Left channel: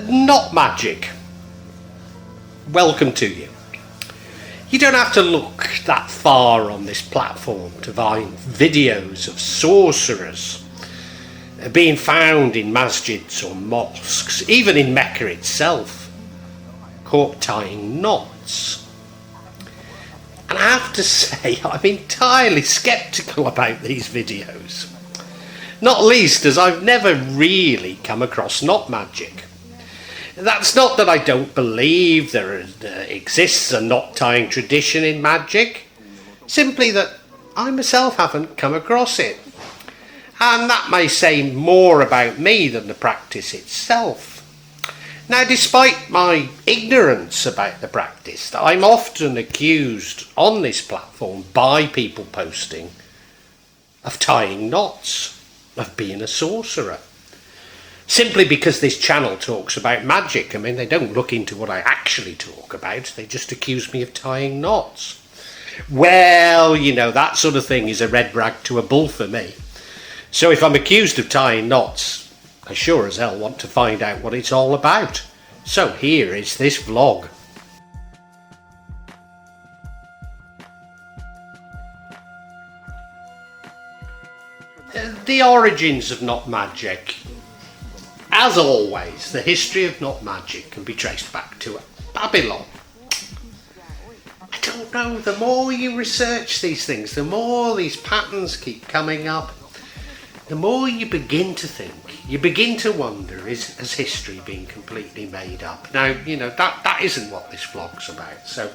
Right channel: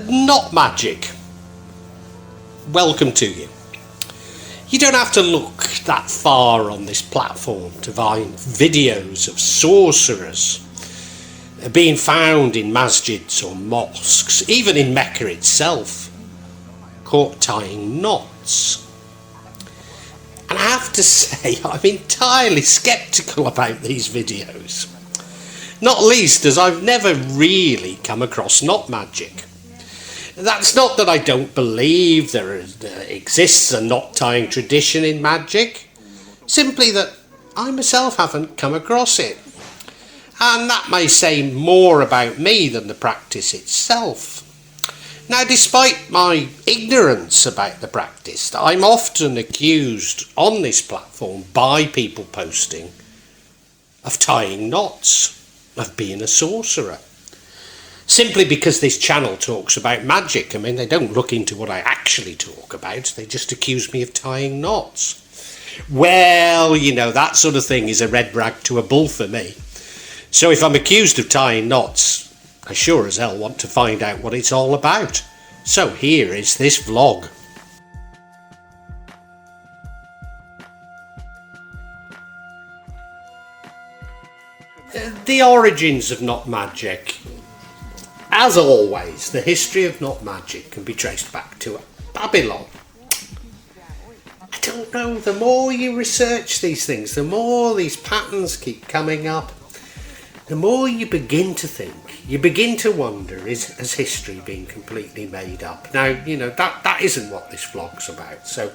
Not magic. Welcome to you. You don't have to look that far on this platform to find videos of sorcerers being found in masjids or mosques, even in Mecca itself, caught tying knots. And I have to say, I'm entirely sceptical about these videos. Not least as I've never really come across knot magic. That's not that I don't believe there exists a knot tying tradition in magic, simply that I myself haven't come across it. And that may say more about me than the practice itself. Now, despite my ignorance about the practice, I'm often accused on this platform by people posting of tying knots, of being a sorcerer. Simply because this channel talks about magic. They don't look into what I actually talk about. They just accuse me of tying knots. Well, that sort of thing is a red rag to a bull for me. So if I'm accused of tying knots, I sure as hell want to find out what it's all about. So here is this vlog. The origins of knot magic. As always, the history of knot magic can be traced back to Babylon. I don't know, the more you research these things, the more these patterns keep coming up, the more you begin to think, you begin to wonder, has history been completely made up? Now, that isn't what this vlog's about, so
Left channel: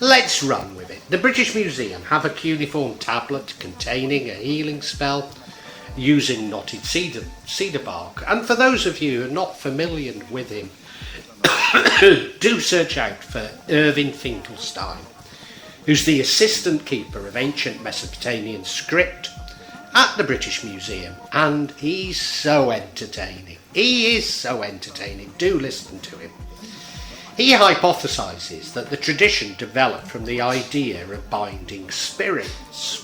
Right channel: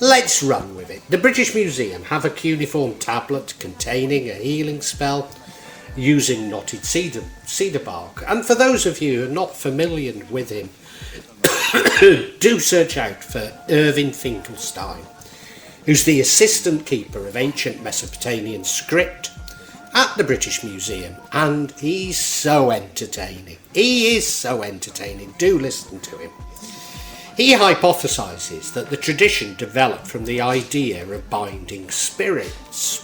let's run with it. The British Museum have a cuneiform tablet containing a healing spell using knotted cedar bark. And for those of you who are not familiar with him, do search out for Irving Finkelstein, who's the assistant keeper of ancient Mesopotamian script at the British Museum, and he's so entertaining. He is so entertaining. Do listen to him. He hypothesises that the tradition developed from the idea of binding spirits.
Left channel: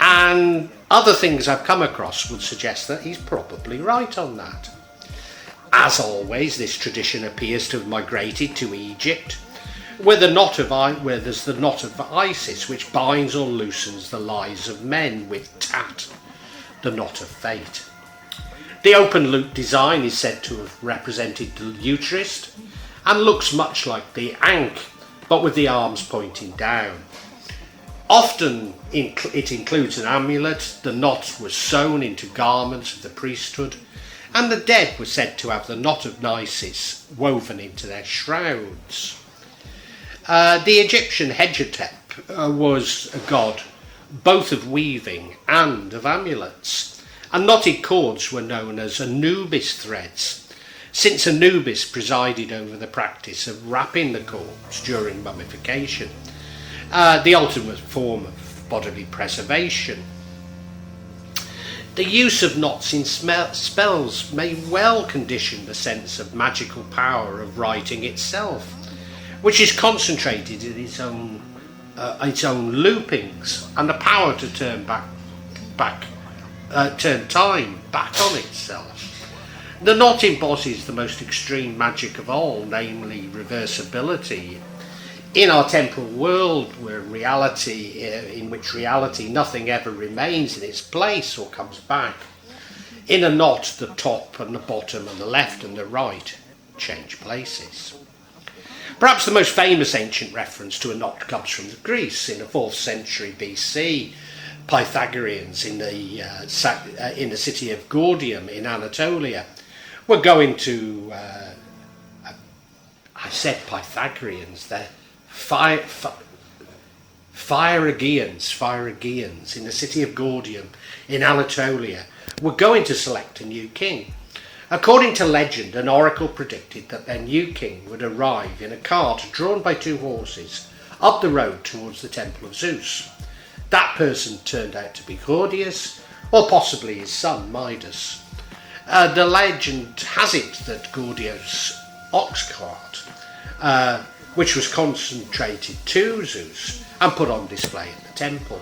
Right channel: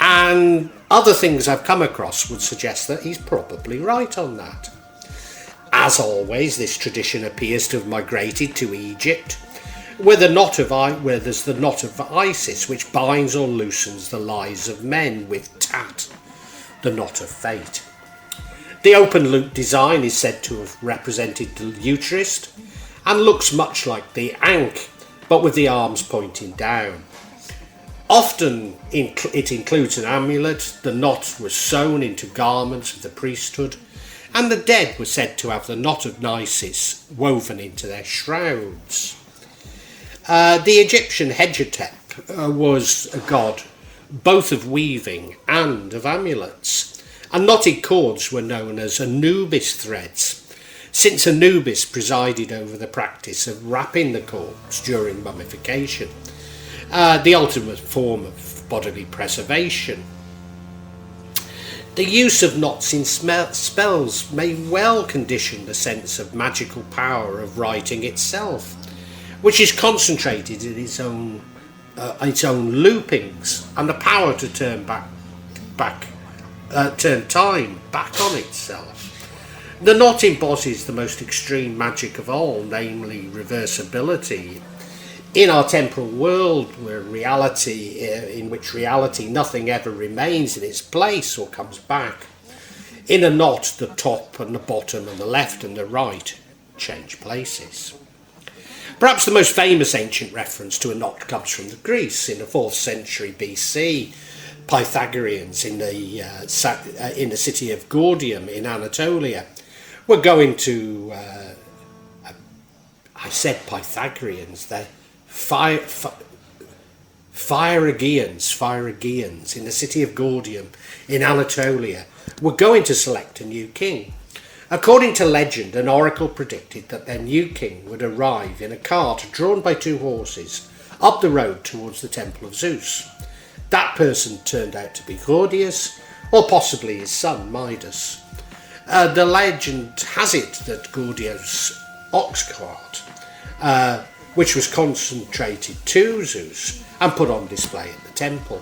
And other things I've come across would suggest that he's probably right on that. As always, this tradition appears to have migrated to Egypt, where there's the knot of Isis, which binds or loosens the lives of men with Tat, the knot of fate. The open loop design is said to have represented the uterus and looks much like the Ankh, but with the arms pointing down. Often it includes an amulet. The knot was sewn into garments of the priesthood, and the dead were said to have the knot of Isis woven into their shrouds. The Egyptian Hedgetep was a god both of weaving and of amulets, and knotted cords were known as Anubis threads, since Anubis presided over the practice of wrapping the corpse during mummification. The ultimate form of bodily preservation. The use of knots in spells may well condition the sense of magical power of writing itself, which is concentrated in its own loopings, and the power to turn time back on itself. The knot embodies the most extreme magic of all, namely reversibility. In our temporal world, in which reality nothing ever remains in its place or comes back, in a knot the top and the bottom and the left and the right change places. Perhaps the most famous ancient reference to a knot comes from Greece in the 4th century BC. Pythagoreans in the city of Gordium in Anatolia were going to, I said Pythagoreans, they're Phrygians in the city of Gordium in Anatolia were going to select a new king. According to legend, an oracle predicted that their new king would arrive in a cart drawn by 2 horses up the road towards the temple of Zeus. That person turned out to be Gordios, or possibly his son Midas. The legend has it that Gordios' ox cart, which was concentrated to Zeus and put on display at the temple.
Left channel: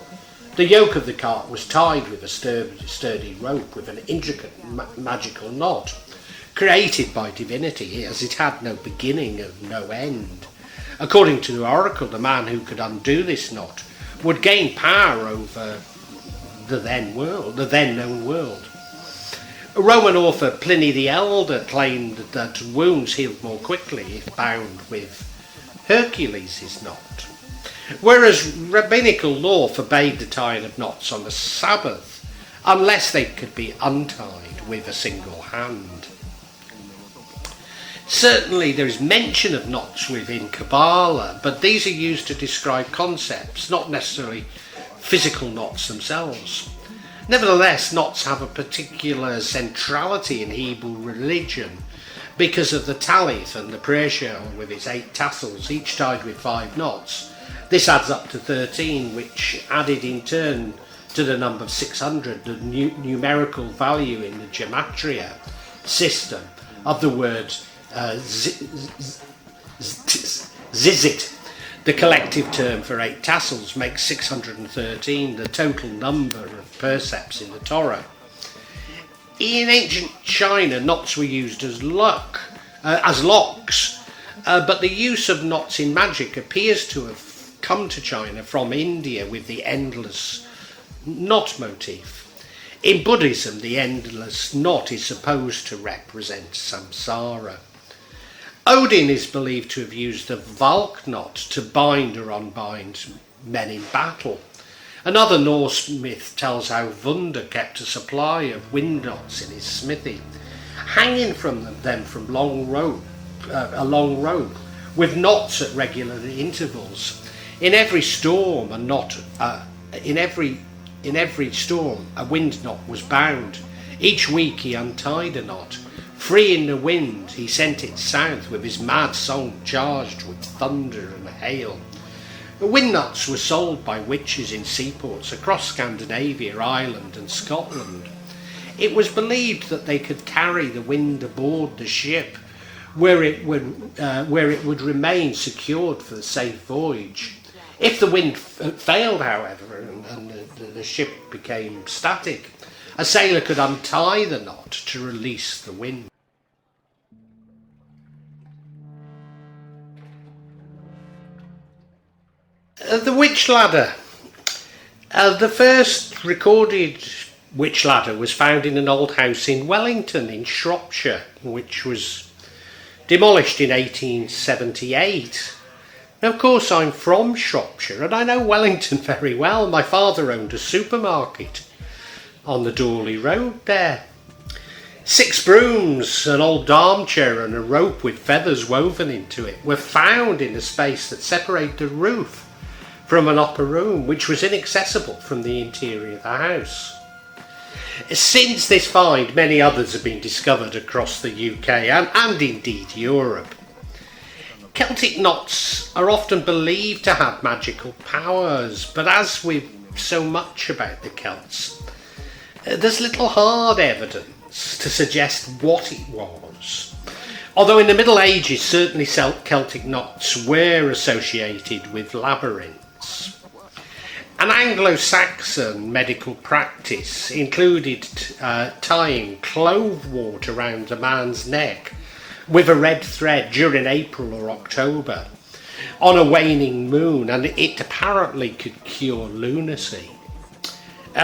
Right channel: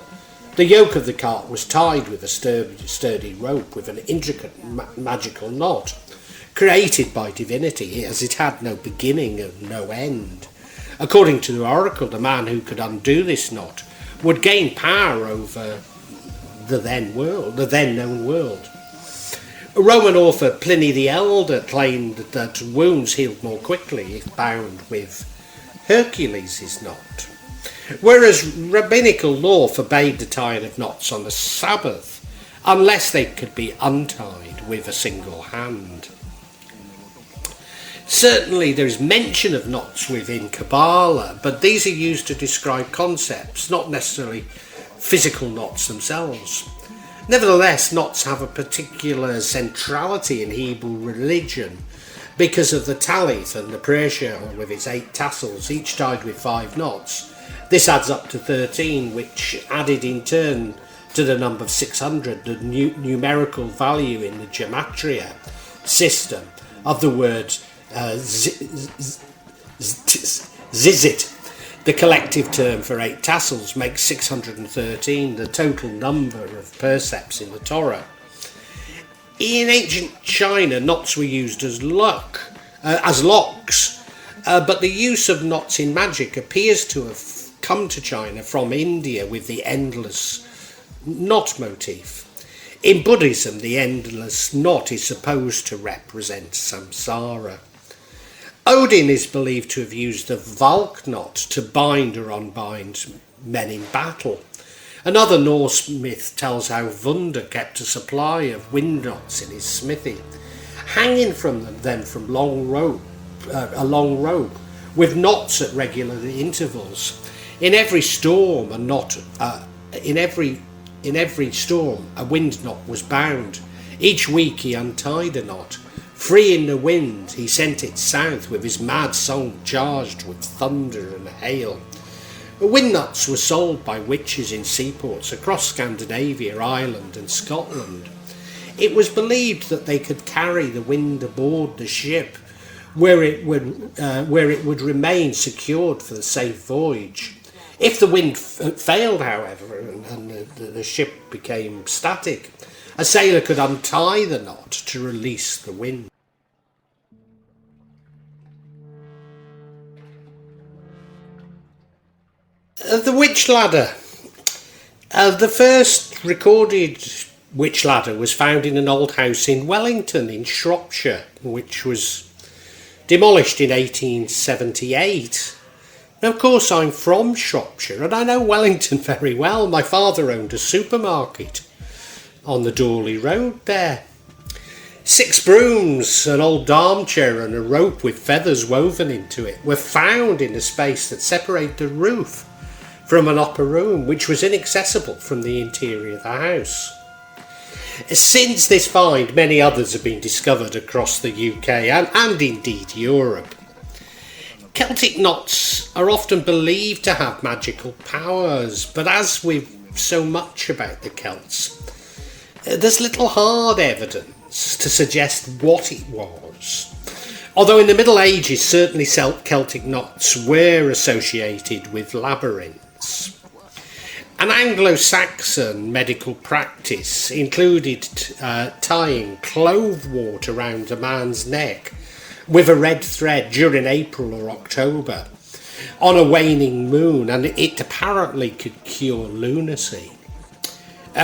The yoke of the cart was tied with a sturdy rope with an intricate magical knot, created by divinity, as it had no beginning and no end. According to the oracle, the man who could undo this knot would gain power over the then known world. Roman author Pliny the Elder claimed that wounds healed more quickly if bound with Hercules' knot, whereas rabbinical law forbade the tying of knots on the Sabbath unless they could be untied with a single hand. Certainly there is mention of knots within Kabbalah, but these are used to describe concepts, not necessarily physical knots themselves. Nevertheless, knots have a particular centrality in Hebrew religion because of the talith and the prayer shawl with its 8 tassels, each tied with 5 knots. This adds up to 13, which added in turn to the number 600, the numerical value in the gematria system of the word zizit. The collective term for 8 tassels makes 613 the total number of percepts in the Torah. In ancient China, knots were used as locks, but the use of knots in magic appears to have come to China from India with the endless knot motif. In Buddhism, the endless knot is supposed to represent samsara. Odin is believed to have used the Valknut to bind or unbind men in battle. Another Norse myth tells how Vunda kept a supply of wind knots in his smithy, hanging from them from a long rope, with knots at regular intervals. In every storm, a wind knot was bound. Each week he untied a knot. Free in the wind, he sent it south with his mad song charged with thunder and hail. The wind knots were sold by witches in seaports across Scandinavia, Ireland and Scotland. It was believed that they could carry the wind aboard the ship, where it would remain secured for the safe voyage. If the wind failed, however, and the ship became static, a sailor could untie the knot to release the wind. The witch ladder. The first recorded witch ladder was found in an old house in Wellington in Shropshire, which was demolished in 1878. Now, of course, I'm from Shropshire and I know Wellington very well. My father owned a supermarket on the Dawley Road there. 6 brooms, an old armchair and a rope with feathers woven into it were found in the space that separated the roof from an upper room, which was inaccessible from the interior of the house. Since this find, many others have been discovered across the UK and indeed Europe. Celtic knots are often believed to have magical powers, but as with so much about the Celts, there's little hard evidence to suggest what it was. Although in the Middle Ages, certainly Celtic knots were associated with labyrinths. An Anglo-Saxon medical practice included tying clove wort around a man's neck with a red thread during April or October on a waning moon, and it apparently could cure lunacy.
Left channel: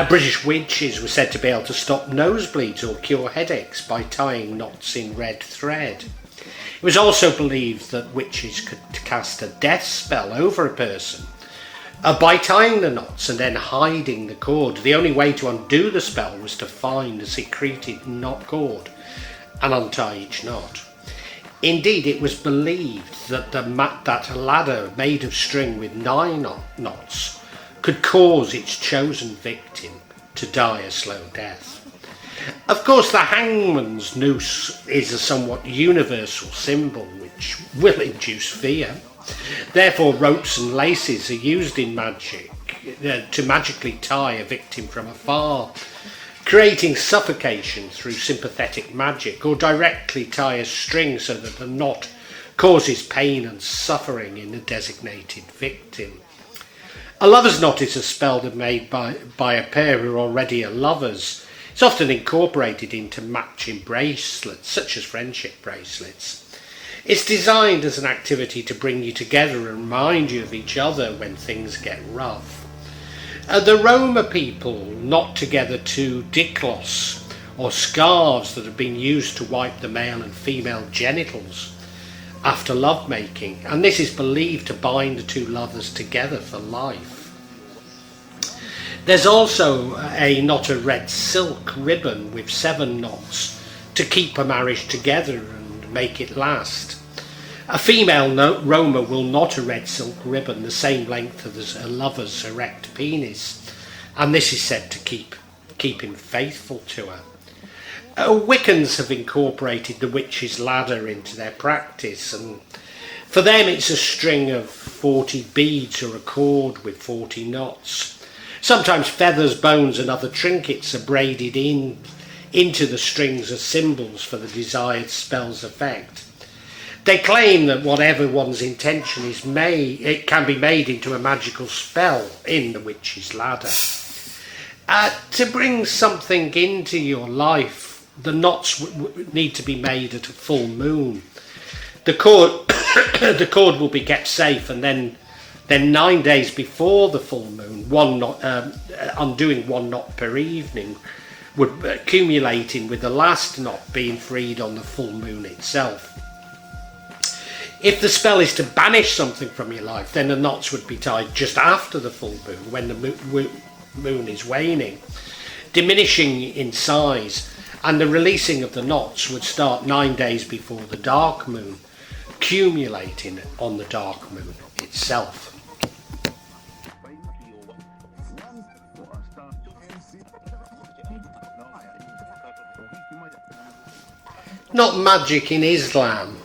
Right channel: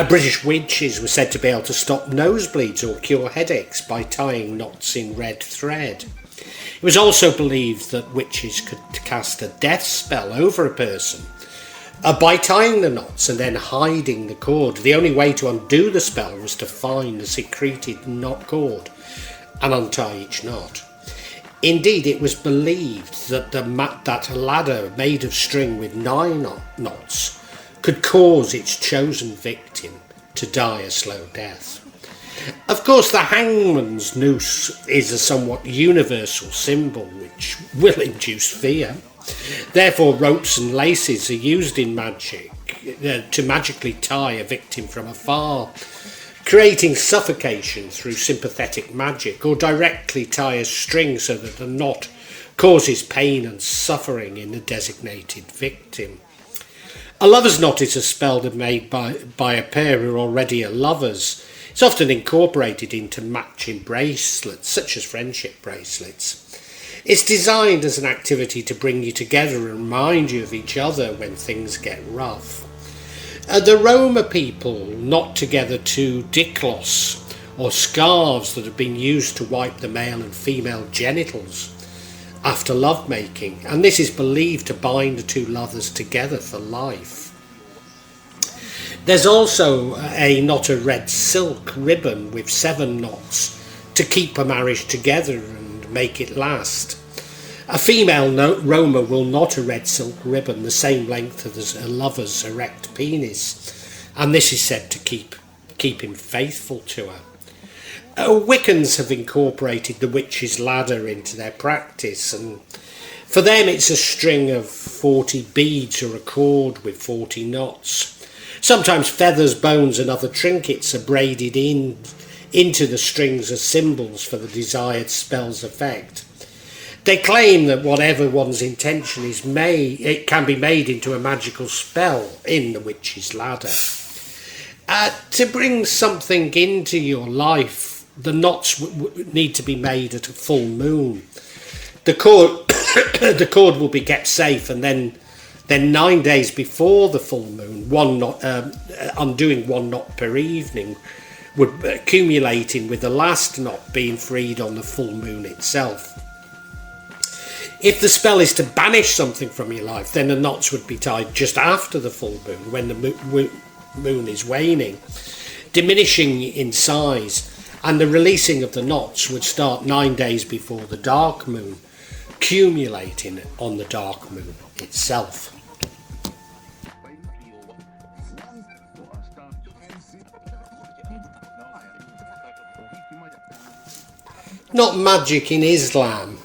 British witches were said to be able to stop nosebleeds or cure headaches by tying knots in red thread. It was also believed that witches could cast a death spell over a person by tying the knots and then hiding the cord. The only way to undo the spell was to find the secreted knot cord and untie each knot. Indeed, it was believed that that a ladder made of string with 9 knots could cause its chosen victim to die a slow death. Of course, the hangman's noose is a somewhat universal symbol which will induce fear. Therefore, ropes and laces are used in magic to magically tie a victim from afar, creating suffocation through sympathetic magic, or directly tie a string so that the knot causes pain and suffering in the designated victim. A lover's knot is a spell that made by a pair who are already lovers. It's often incorporated into matching bracelets, such as friendship bracelets. It's designed as an activity to bring you together and remind you of each other when things get rough. The Roma people knot together two diklos, or scarves that have been used to wipe the male and female genitals after lovemaking, and this is believed to bind the two lovers together for life. There's also a knot of red silk ribbon with 7 knots to keep a marriage together and make it last. A female Roma will knot a red silk ribbon the same length as a lover's erect penis, and this is said to keep him faithful to her. Wiccans have incorporated the witch's ladder into their practice, and for them it's a string of 40 beads or a cord with 40 knots. Sometimes feathers, bones and other trinkets are braided into the strings as symbols for the desired spell's effect. They claim that whatever one's intention is it can be made into a magical spell in the witch's ladder. To bring something into your life, the knots need to be made at a full moon. The cord, the cord will be kept safe, and then 9 days before the full moon, undoing 1 knot per evening, would accumulating with the last knot being freed on the full moon itself. If the spell is to banish something from your life, then the knots would be tied just after the full moon, when the moon is waning, diminishing in size, and the releasing of the knots would start 9 days before the dark moon, accumulating on the dark moon itself. Not magic in Islam.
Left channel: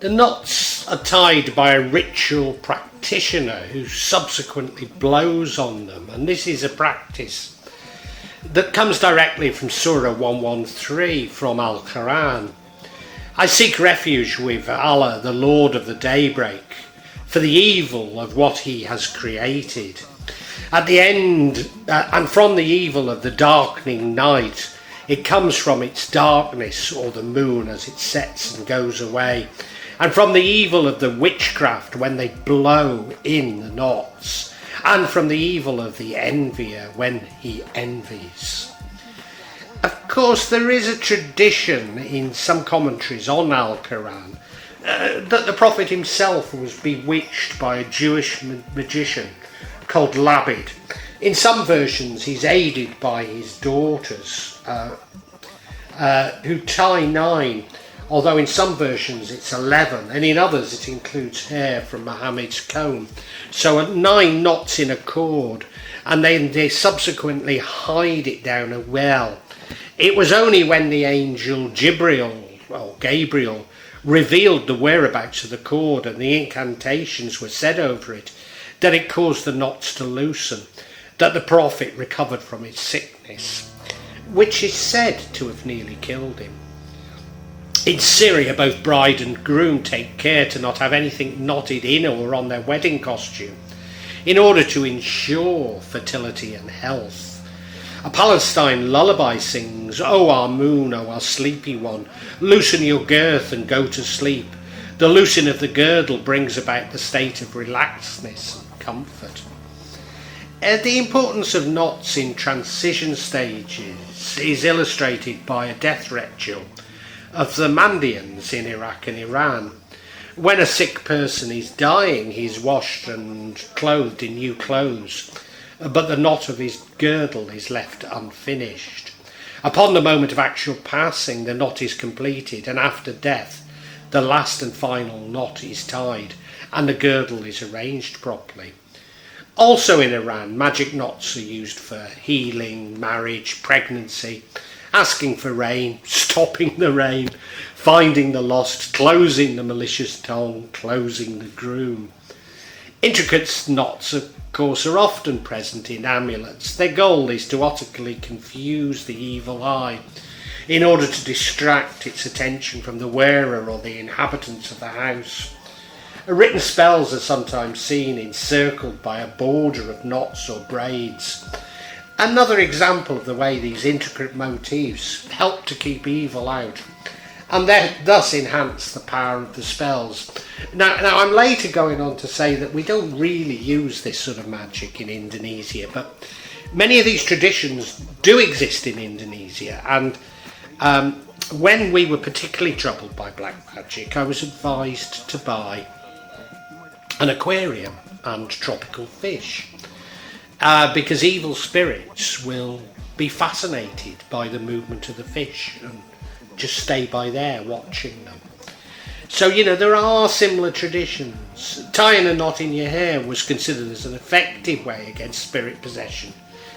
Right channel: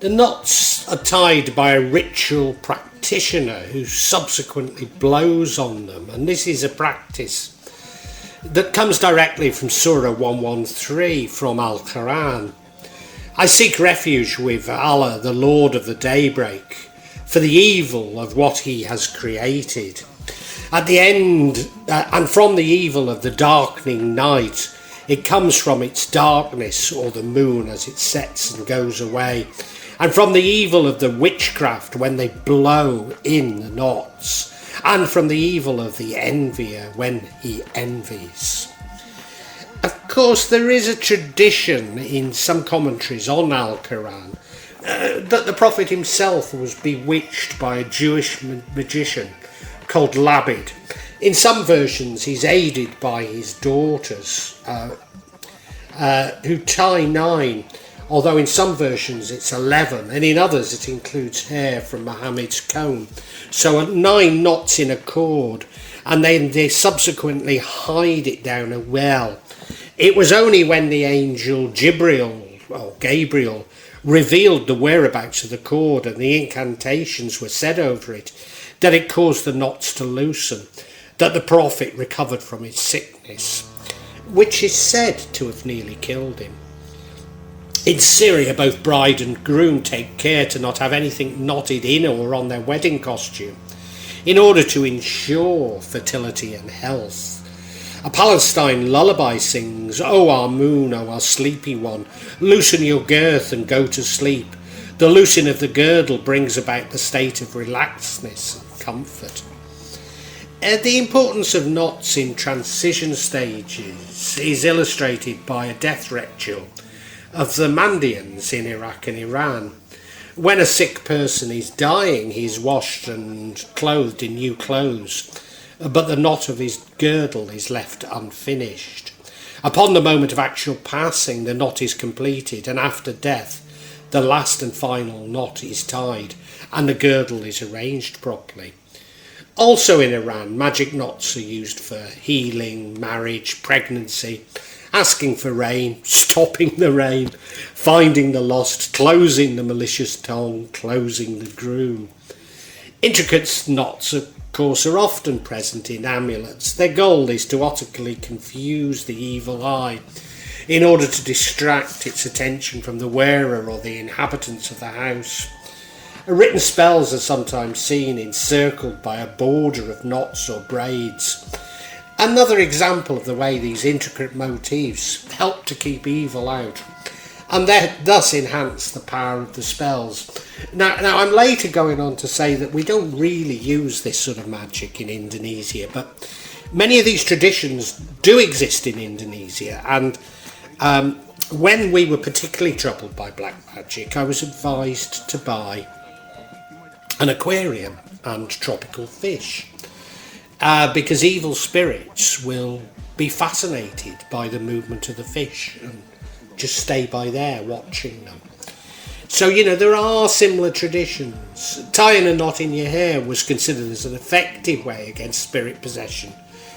The knots are tied by a ritual practitioner who subsequently blows on them, and this is a practice that comes directly from Surah 113 from Al-Quran. I seek refuge with Allah, the Lord of the daybreak, for the evil of what he has created. At the end, and from the evil of the darkening night, it comes from its darkness, or the moon as it sets and goes away, and from the evil of the witchcraft when they blow in the knots, and from the evil of the envier when he envies. Of course, there is a tradition in some commentaries on Al-Quran that the Prophet himself was bewitched by a Jewish magician called Labid. In some versions, he's aided by his daughters, who tie 9, although in some versions it's 11, and in others it includes hair from Muhammad's comb. So 9 knots in a cord, and then they subsequently hide it down a well. It was only when the angel Gabriel revealed the whereabouts of the cord and the incantations were said over it that it caused the knots to loosen, that the Prophet recovered from his sickness, which is said to have nearly killed him. In Syria, both bride and groom take care to not have anything knotted in or on their wedding costume, in order to ensure fertility and health. A Palestine lullaby sings, "O our moon, O our sleepy one, loosen your girth and go to sleep. The loosing of the girdle brings about the state of relaxedness and comfort." The importance of knots in transition stages is illustrated by a death ritual of the Mandeans in Iraq and Iran. When a sick person is dying, he is washed and clothed in new clothes, but the knot of his girdle is left unfinished. Upon the moment of actual passing, the knot is completed, and after death, the last and final knot is tied, and the girdle is arranged properly. Also in Iran, magic knots are used for healing, marriage, pregnancy, asking for rain, stopping the rain, finding the lost, closing the malicious tongue, closing the groom. Intricate knots, of course, are often present in amulets. Their goal is to utterly confuse the evil eye in order to distract its attention from the wearer or the inhabitants of the house. Written spells are sometimes seen encircled by a border of knots or braids. Another example of the way these intricate motifs help to keep evil out, and thus enhance the power of the spells. Now I'm later going on to say that we don't really use this sort of magic in Indonesia, but many of these traditions do exist in Indonesia, and when we were particularly troubled by black magic, I was advised to buy an aquarium and tropical fish, because evil spirits will be fascinated by the movement of the fish and just stay by there watching them. So, there are similar traditions. Tying a knot in your hair was considered as an effective way against spirit possession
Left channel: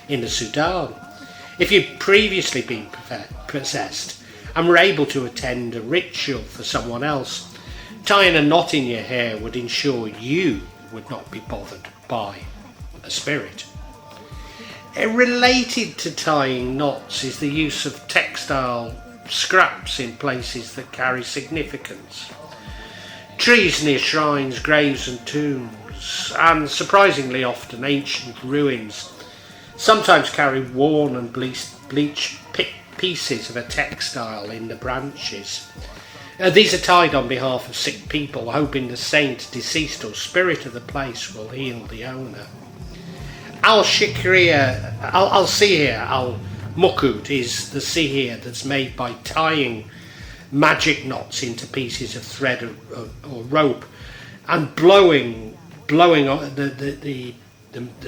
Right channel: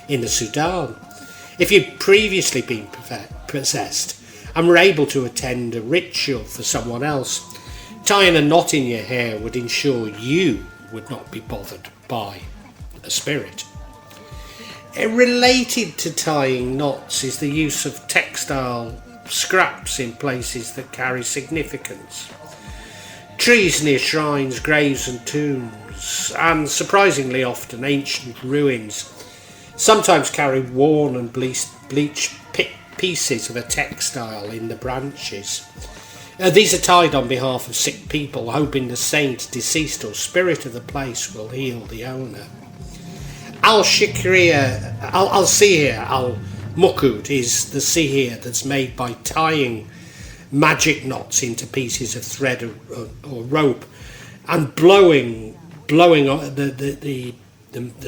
in the Sudan. If you'd previously been possessed and were able to attend a ritual for someone else, tying a knot in your hair would ensure you would not be bothered by a spirit. Related to tying knots is the use of textile scraps in places that carry significance. Trees near shrines, graves and tombs, and surprisingly often ancient ruins, sometimes carry worn and bleached pieces of a textile in the branches. These are tied on behalf of sick people, hoping the saint, deceased or spirit of the place will heal the owner. Al-Sihr, Al-Mak'ud is the sihr that's made by tying magic knots into pieces of thread or rope and blowing on the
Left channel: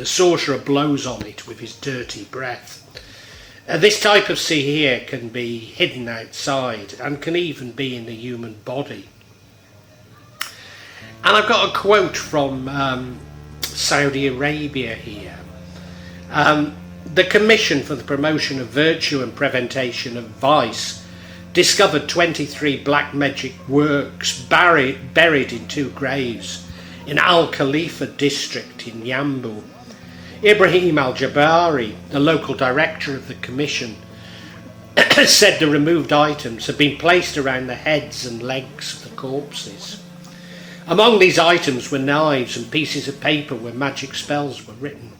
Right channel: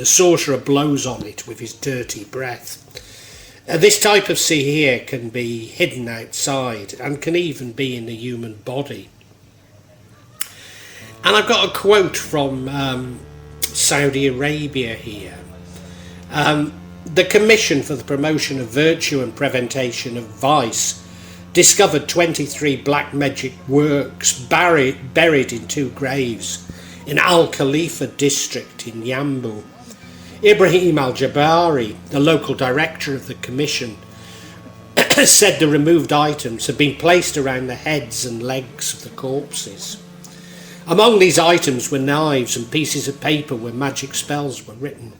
sorcerer blows on it with his dirty breath. This type of sihr can be hidden outside and can even be in the human body. And I've got a quote from Saudi Arabia here. The Commission for the Promotion of Virtue and Prevention of Vice discovered 23 black magic works buried in 2 graves in Al-Khalifa district in Yambu. Ibrahim Al-Jabari, the local director of the commission, said the removed items had been placed around the heads and legs of the corpses. Among these items were knives and pieces of paper where magic spells were written.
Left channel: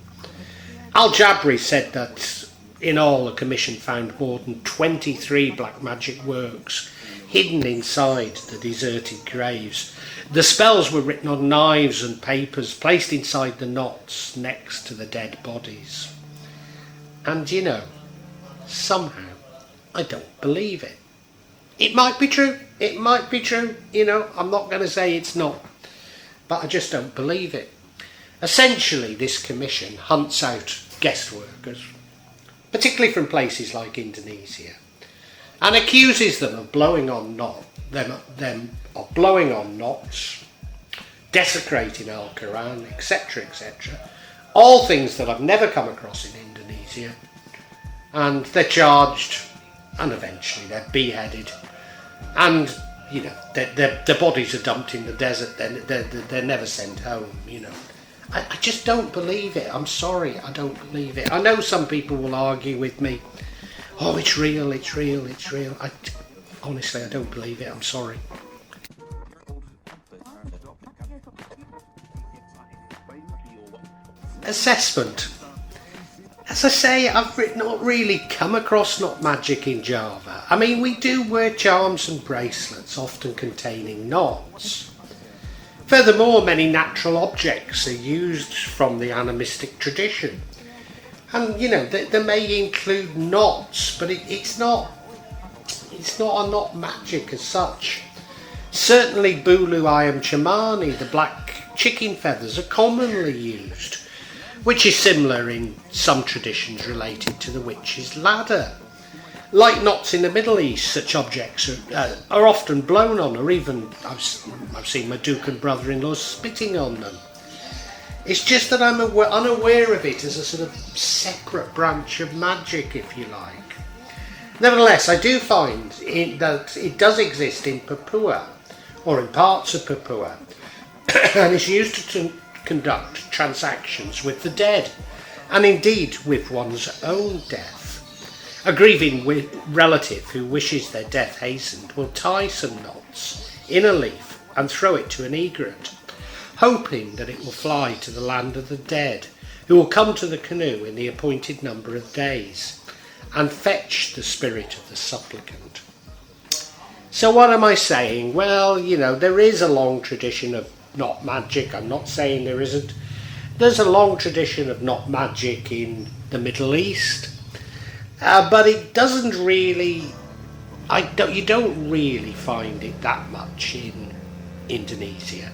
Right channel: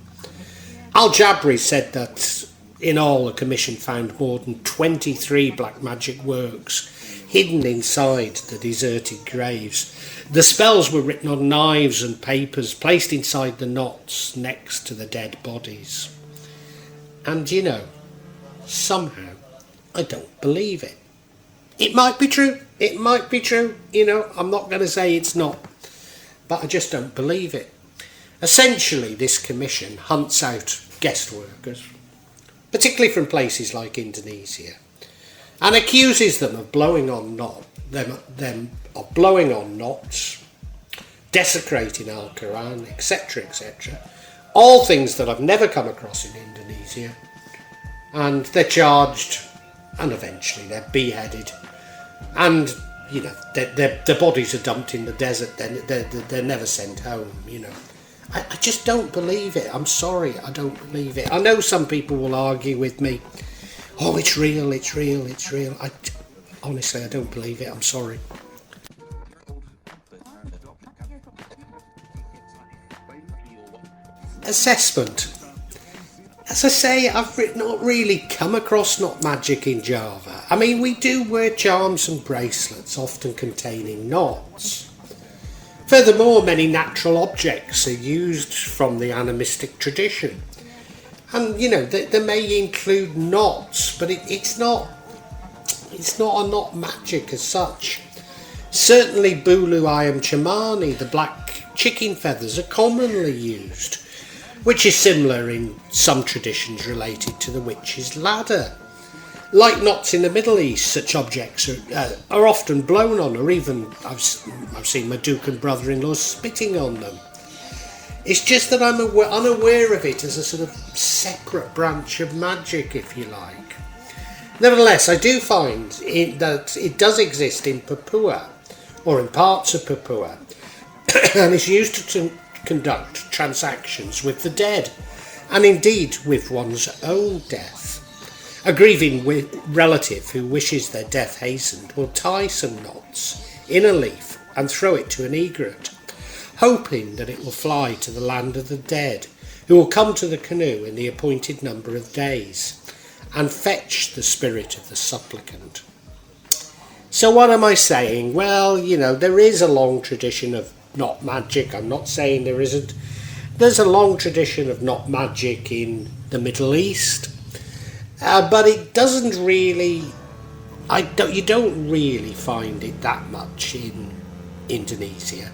Al-Jabri said that in all the commission found more than 23 black magic works hidden inside the deserted graves. The spells were written on knives and papers placed inside the knots next to the dead bodies. And somehow I don't believe it. It might be true, I'm not going to say it's not, but I just don't believe it. Essentially, this commission hunts out guest workers, particularly from places like Indonesia, and accuses them of blowing on knots, desecrating Al-Quran, etc., etc. All things that I've never come across in Indonesia. And they're charged, and eventually they're beheaded, and their bodies are dumped in the desert. They're never sent home. I just don't believe it. I'm sorry, I don't believe it. I know some people will argue with me. Oh, it's real. Honestly, I don't believe it. I'm sorry. Assessment. As I say, I've not really come across knot magic in Java. I mean, we do wear charms and bracelets, often containing knots. Furthermore, many natural objects are used from the animistic tradition. And, they may include knots, but it's not a knot magic as such. Certainly Bulu Ayam Chamani, the black chicken feathers, are commonly used, which is similar in some traditions related to the witch's ladder. Like knots in the Middle East, such objects are often blown on, or even I've seen my Duke and brother-in-law spitting on them. It's just that I'm unaware of it as a sort of separate branch of magic, if you like. Nevertheless, I do find that it does exist in Papua, or in parts of Papua, and is used to conduct transactions with the dead, and indeed with one's own death. A grieving relative who wishes their death hastened will tie some knots in a leaf and throw it to an egret, hoping that it will fly to the land of the dead, who will come to the canoe in the appointed number of days and fetch the spirit of the supplicant. So what am I saying? Well, you know, there is a long tradition of not magic. I'm not saying there isn't. There's a long tradition of not magic in the Middle East, but it doesn't really, you don't really find it that much in Indonesia.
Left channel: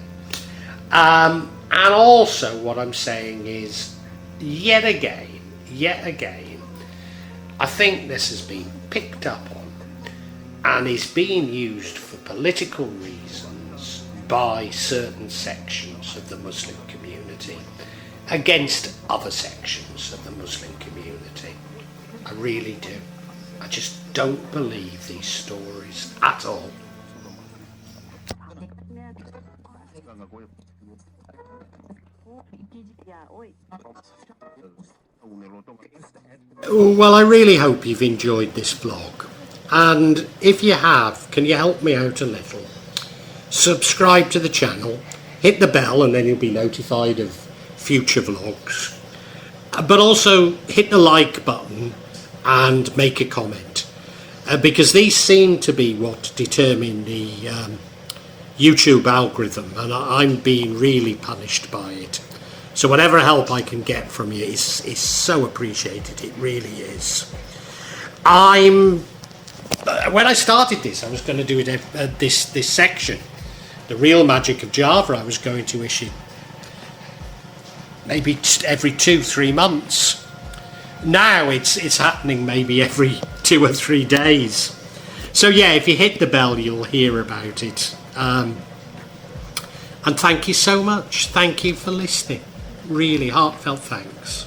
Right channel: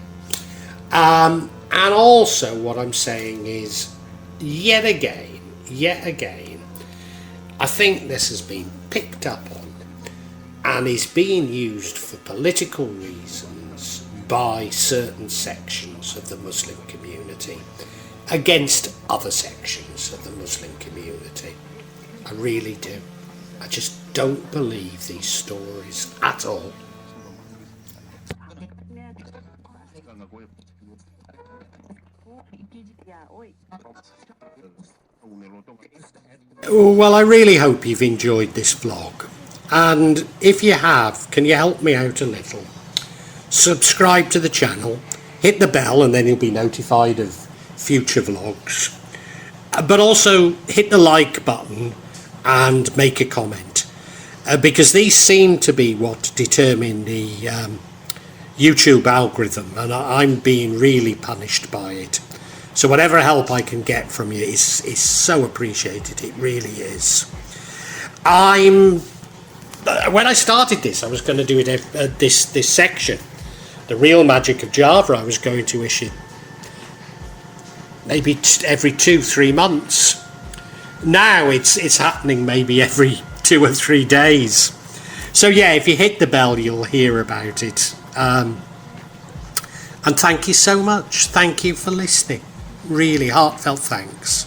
And also what I'm saying is, yet again, I think this has been picked up on and is being used for political reasons by certain sections of the Muslim community against other sections of the Muslim community. I really do. I just don't believe these stories at all. Well, I really hope you've enjoyed this vlog, and if you have, can you help me out a little? Subscribe to the channel, hit the bell, and then you'll be notified of future vlogs, but also hit the like button and make a comment, because these seem to be what determine the YouTube algorithm, and I'm being really punished by it. So whatever help I can get from you is so appreciated. It really is. When I started this, I was going to do it this section, the real magic of Java. I was going to issue maybe every 2-3 months. Now it's happening maybe every 2 or 3 days. So yeah, if you hit the bell, you'll hear about it. And thank you so much. Thank you for listening. Really heartfelt thanks.